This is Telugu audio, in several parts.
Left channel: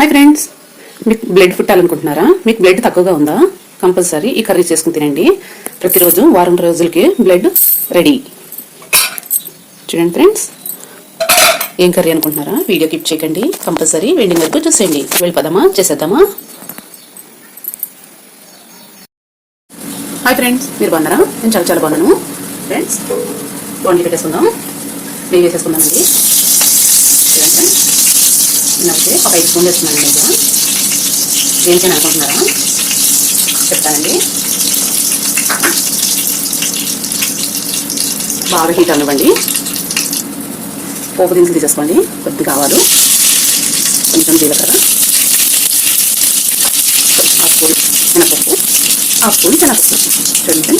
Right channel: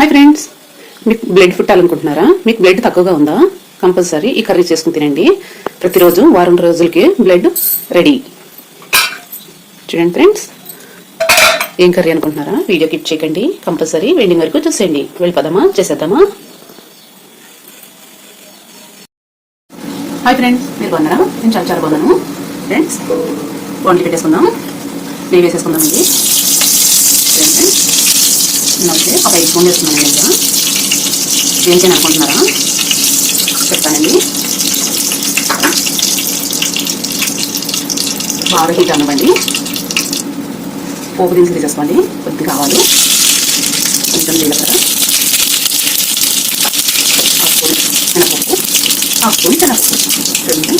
హాయ్ ఫ్రెండ్స్, మీకు బ్లడ్ పుట్టాలనుకుంటున్నారా? మీకు బ్లడ్ తక్కువగా ఉందా? కంపల్సరీ ఈ కర్రీ చేసుకుని తినండి. ప్రతిరోజు వారం రోజులకి బ్లడ్ రెడీ. చూడండి ఫ్రెండ్స్, ఏం కర్రీ అనుకుంటున్నారా? వీడియో కిప్ చేయకండి, కంపల్సరీ ఎండింగ్ వరకు చూసేయండి. వెళ్ళిపోదామా, చేసేద్దామా? హాయ్ ఫ్రెండ్స్, మీరు బాగున్నారా? నేను చాలా చాలా బాగున్నాను. ఫ్రెండ్స్, వండి పెట్టేసుకుందాం. నెయ్యి వేసేసుకుందామండి. చూడండి, నేనైతే ఒక 5 స్పూన్లు వేసుకున్నాను. అయితే దేనికైనా అనుకుంటున్నారా? చెప్తానండి. బాగా హీట్ అవ్వండి. పోపు దినుసులు తీసేసుకోండి. కొద్దిగా ఆవాలు, కొంచెం జీలకర్ర, హాఫ్ స్పూన్ మినపప్పు, హాఫ్ స్పూన్ శనగపప్పు. చూడండి,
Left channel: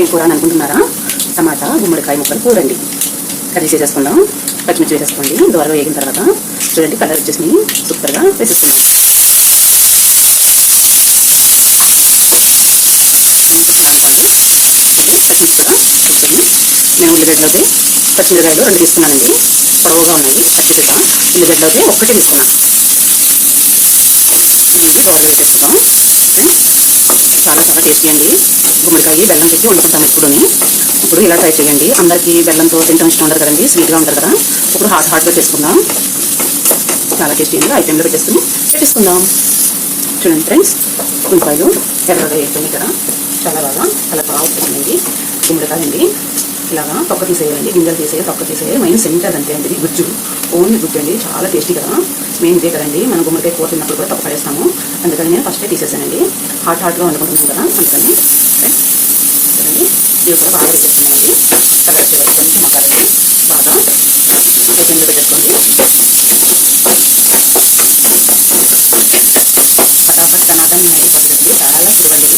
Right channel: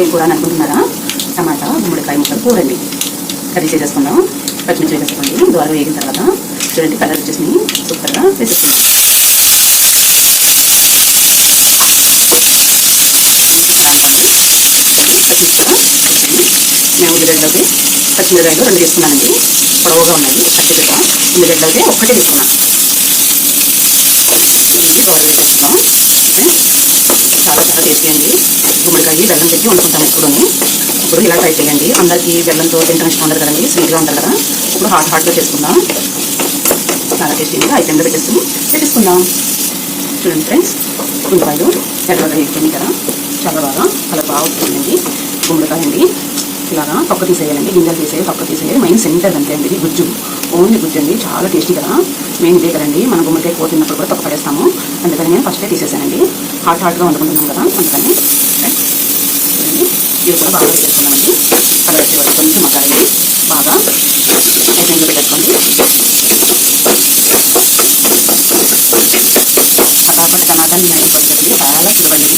ఏం కూర అని అనుకుంటున్నారా? టమాటా, గుమ్మడికాయ ముక్కలు కూరండి. కర్రీ చేసేసుకుందాం. పచ్చిమిర్చి వేసేసుకోండి. దూరంగా వేగిన తర్వాత చూడండి, కలర్ వచ్చేసి సూపర్గా వేసేసుకుందాం. పచ్చిమిర్చి నేను ఉల్లిగడ్డలోకి పచ్చిమిరకాయలు 2 తీసుకున్నానండి. పొడవుగా ఉన్నాయి, కట్ చేద్దాం. ఉల్లిగడ్డలోకి 1 తీసుకున్నాను. బాగా వేసేసుకుందాం. చాలా చాలా టేస్టీ అండి. గుమ్మడికాయ బెల్లం పెట్టి వండుకుంటాం ఎప్పుడుని. ఇప్పుడు ఇలా ట్రై చేయండి. అందరికీ బెల్లంతో తింటాం ఇష్టం ఉండదు కదండి, స్వీట్గా ఉంటుంది కదా. ఇప్పుడు హాట్గా చేసుకుందాం. చాలా టేస్టీగా ఐటెంలో పెట్టేసుకుందాం. చూడండి ఫ్రెండ్స్, ఉల్లిపాయలు ఎర్రగా వేసుకుని కదా, చాలా బాగా కలర్ బాగా వస్తుందండి. గుమ్మడికాయ అండి, ఇలాగా పప్పు తీసేయాలండి. గింజలు తీసేయాలి, పప్పు తీసేయాలి. మెయిన్ సెంటర్ అంతే అండి, ఇది గుజ్జు, ఓన్లీ గుజ్జు అండి. చాలా టేస్టీ కదా. మెయిన్ ఇదే కదండి. మనం గుమ్మడికాయ కూర తిన్నప్పుడు కూడా తప్పు పడేస్తాము. అందుకని నేను ఫస్టే తీసేసానండి. హాట్గా వండుకుంటున్నాం కదా, అందుకని. చూడండి, ఇవి కూడా బాగా చేసుకున్నామండి. కలర్ వచ్చే వరకు కొంచెం మసాలండి. బాగా ఐటెంలో పెట్టేసుకోండి. ఫటాఫట్ కనాదాన్ని అయిపోతుంది. చాలా సులభండి.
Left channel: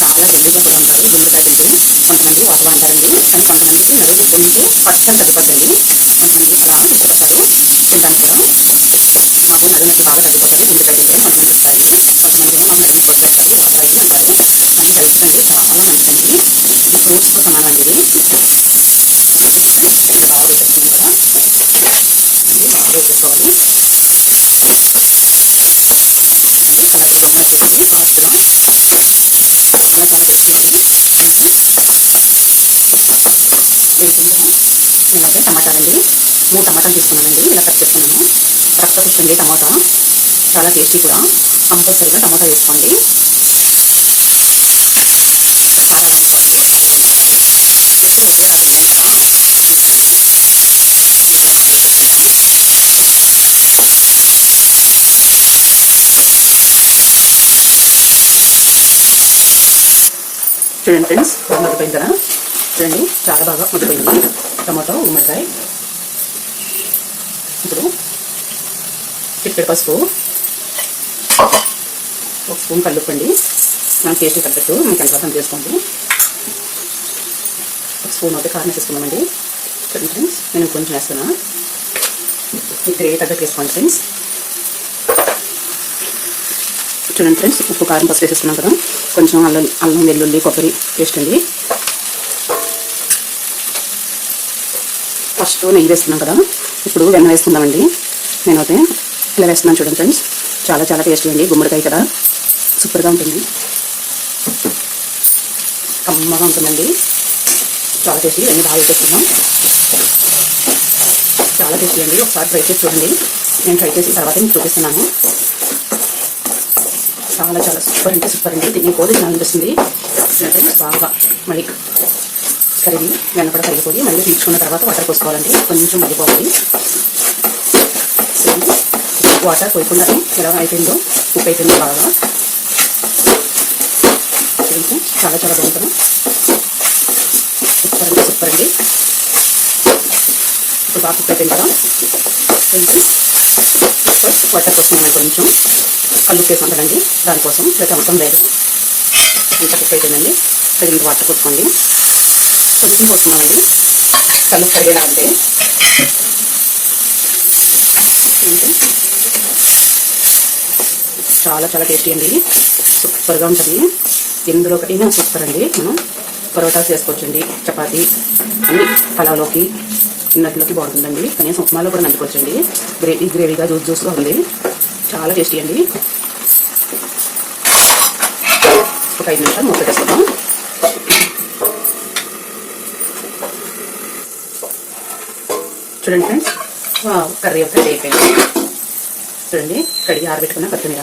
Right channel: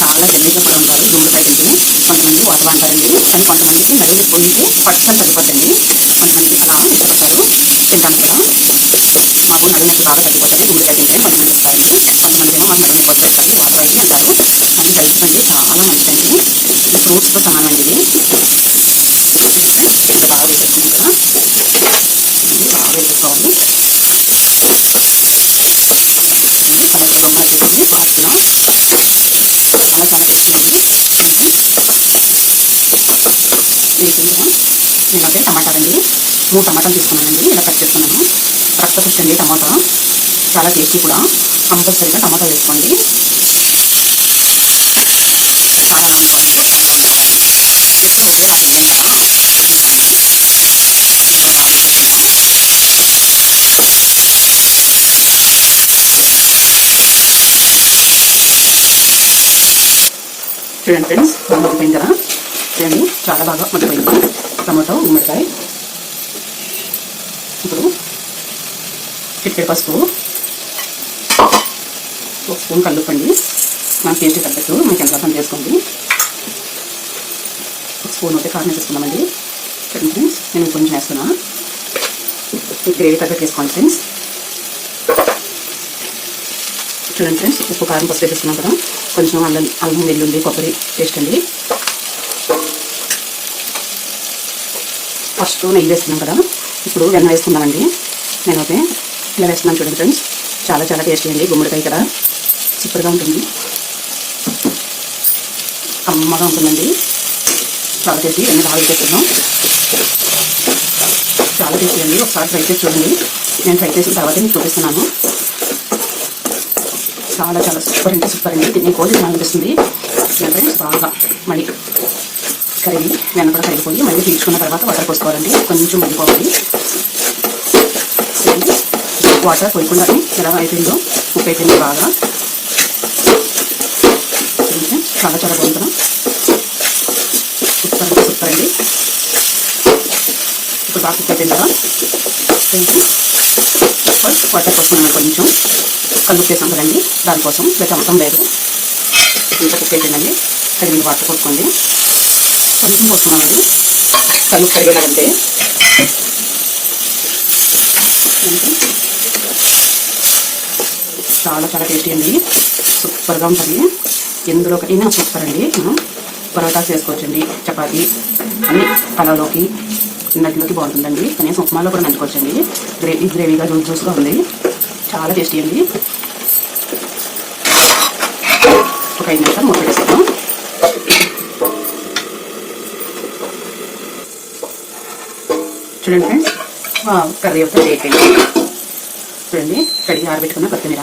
చాలా జల్దీగా కూడా ఉంటారు గుమ్మడికాయ తింటే. కొంతమంది వాతలు అంటారండి, కానీ కొంతమందికి నడుము కొంటే పచ్చని తగ్గిపోతుంది. కొంతమంది అలా ఇష్టపడతారు తింటాను కూడా. మాకు నడుముకి బాగా తగ్గిపోతుంది గుమ్మడికాయ తింటే కొంతమంది వస్తారండి. కొంతమంది ఏమో మాకు నడుము పొడి పెడతారు, వాతలు అయితే అంటారు. కానీ హెల్త్ అండి చాలా మంచిదండి. ఇది ఫ్రూట్స్తో సమానం అండి. ఇది బాగా వేసేసుకున్నాం కదా, బాగా వేసేసుకోవాలి. కలర్ బొమ్మ వచ్చేసింది ఫాస్ట్గా. చాలా చాలా టేస్టీ అండి. వేసిందా? నేనైతే టమాటా అండి 3 టమాటాలు తీసుకున్నానండి. ఇలా కట్ చేసుకున్నాను. రక్త ఫిష్ అండి టమాటా, చాలా టేస్టీ కూడా. కంపల్సరీగా టమాటా వేసుకోండి. చాలా అనుకోండి, చాలా అనుకోవాలి. ఎక్కువ ఒకేలా తింటాం కదా. చూడండి ఫ్రెండ్స్, బాగా మగ్గిపోయింది కదా. చూడండి, చాలా బాగా మగ్గిపోయింది టమాటో, గుమ్మడికాయ. ఇప్పుడు చిటికెడు పసుపు, 1 స్పూన్ కల్లుప్పండి. నాకు టేస్ట్ తగ్గట్టు మీకు ఎంత అర్థం చేసుకోండి. 1 స్పూన్ అయితే కారం వేసుకున్నామండి. చూడండి ఫ్రెండ్స్, నేను కొంచెం వేస్తున్నా. ఈ గ్రేవీ తగ్గట్టు వేసుకోండి ఫ్రెండ్స్. చూడండి ఫ్రెండ్స్, ఉప్పు కారం పసుపు వేసేస్తున్నాం కదా. కొంచెం అల్లం వెల్లుల్లి కొబ్బరి పేస్ట్ అండి. ఫస్ట్ నెయ్యి వేస్తున్నాం కదా, ఇప్పుడు వెన్న వేసుకుందామండి. నేనైతే ఇలా వేస్తున్నాను. చూడండి ఫ్రెండ్స్, చాలా చాలా టేస్టీ అండి. గుమ్మడికాయ కదా, సూపర్గా ఉంటుంది, కమ్మగా ఉంటుందండి. చాలా టేస్టీ. అన్నీ బాగా వేసేస్తున్నాం. చాలా టేస్టీ అండి. ఒకసారి ట్రై చేసి చూడండి. నేను ట్రై చేసిన తర్వాత మీకు చూపిస్తున్నాను. చాలా చాలా సూపర్ అంటే సూపర్ అండి. తినే కోడి అనిపిస్తుంది. అంటే బాగా మళ్ళీ కరిగి వెన్న కూడా కరిగిపోయి మళ్ళీ తీర్చుకున్న తర్వాత వాటర్ పోసుకోవాలండి. కొంచెం మరిగిపోవాలి. వాటర్ పోయకుండానే ఎలా అయిపోయిందో, ఉప్పు అయిపోయింది బాగా. చాలా చాలా బాగుంటుంది. సూపర్ అంటే సూపర్ అండి. ఇప్పుడు బాగా కుక్ అయిపోయింది కదా. వాటర్ పోస్తున్నాను. కొంచెం కళ్ళు వేసాం కదండి, దానికోసం లేక మొత్తం లేదు. అంత కుక్ అయిపోయిందండి. తగిన వాటర్ కొట్టుకోండి. కొంచెం పోస్తున్నామండి, కళ్ళు కడిగేలాగంటే. చాలా చాలా టేస్టీ అండి, సూపర్గా ఉంటుంది. ఎందులో అయినా సూపర్ అండి. మనం పరోటా చేసుకోవచ్చండి, చపాతీ అన్ని పలావ్లోకి నట్లోకి బాగుంటుందండి. కనీసం ఉప్మాలో కూడా నంచుకోవచ్చండి. గ్రేవీగా జ్యూస్గా ఉంది. చాలా టేస్టీ అండి. ఒక 5 నిమిషాలు మూత పెట్టేస్తాం. చూడండి ఫ్రెండ్స్, కర్రీ అంతా రెడీ అయిపోయింది. చూడండి, కడిగి ఆరబెట్టుకున్న కొత్తిమీర,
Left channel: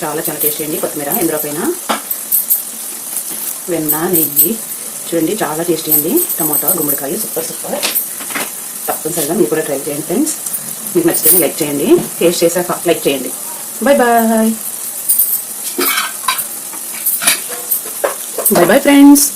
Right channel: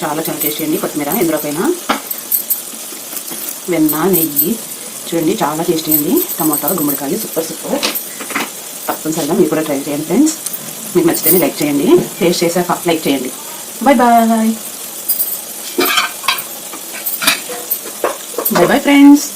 చాలా చాలా టేస్టీ అండి. కొత్తిమీర ఇందులో పైన వెన్న, నెయ్యి, చూడండి చాలా టేస్టీ అండి. టమాటా, గుమ్మడికాయ సూపర్. తప్పనిసరిగా మీరు కూడా ట్రై చేయండి ఫ్రెండ్స్. మీకు నచ్చితేనే లైక్ చేయండి, టేస్ట్ చేసాక లైక్ చేయండి. Bye bye friends.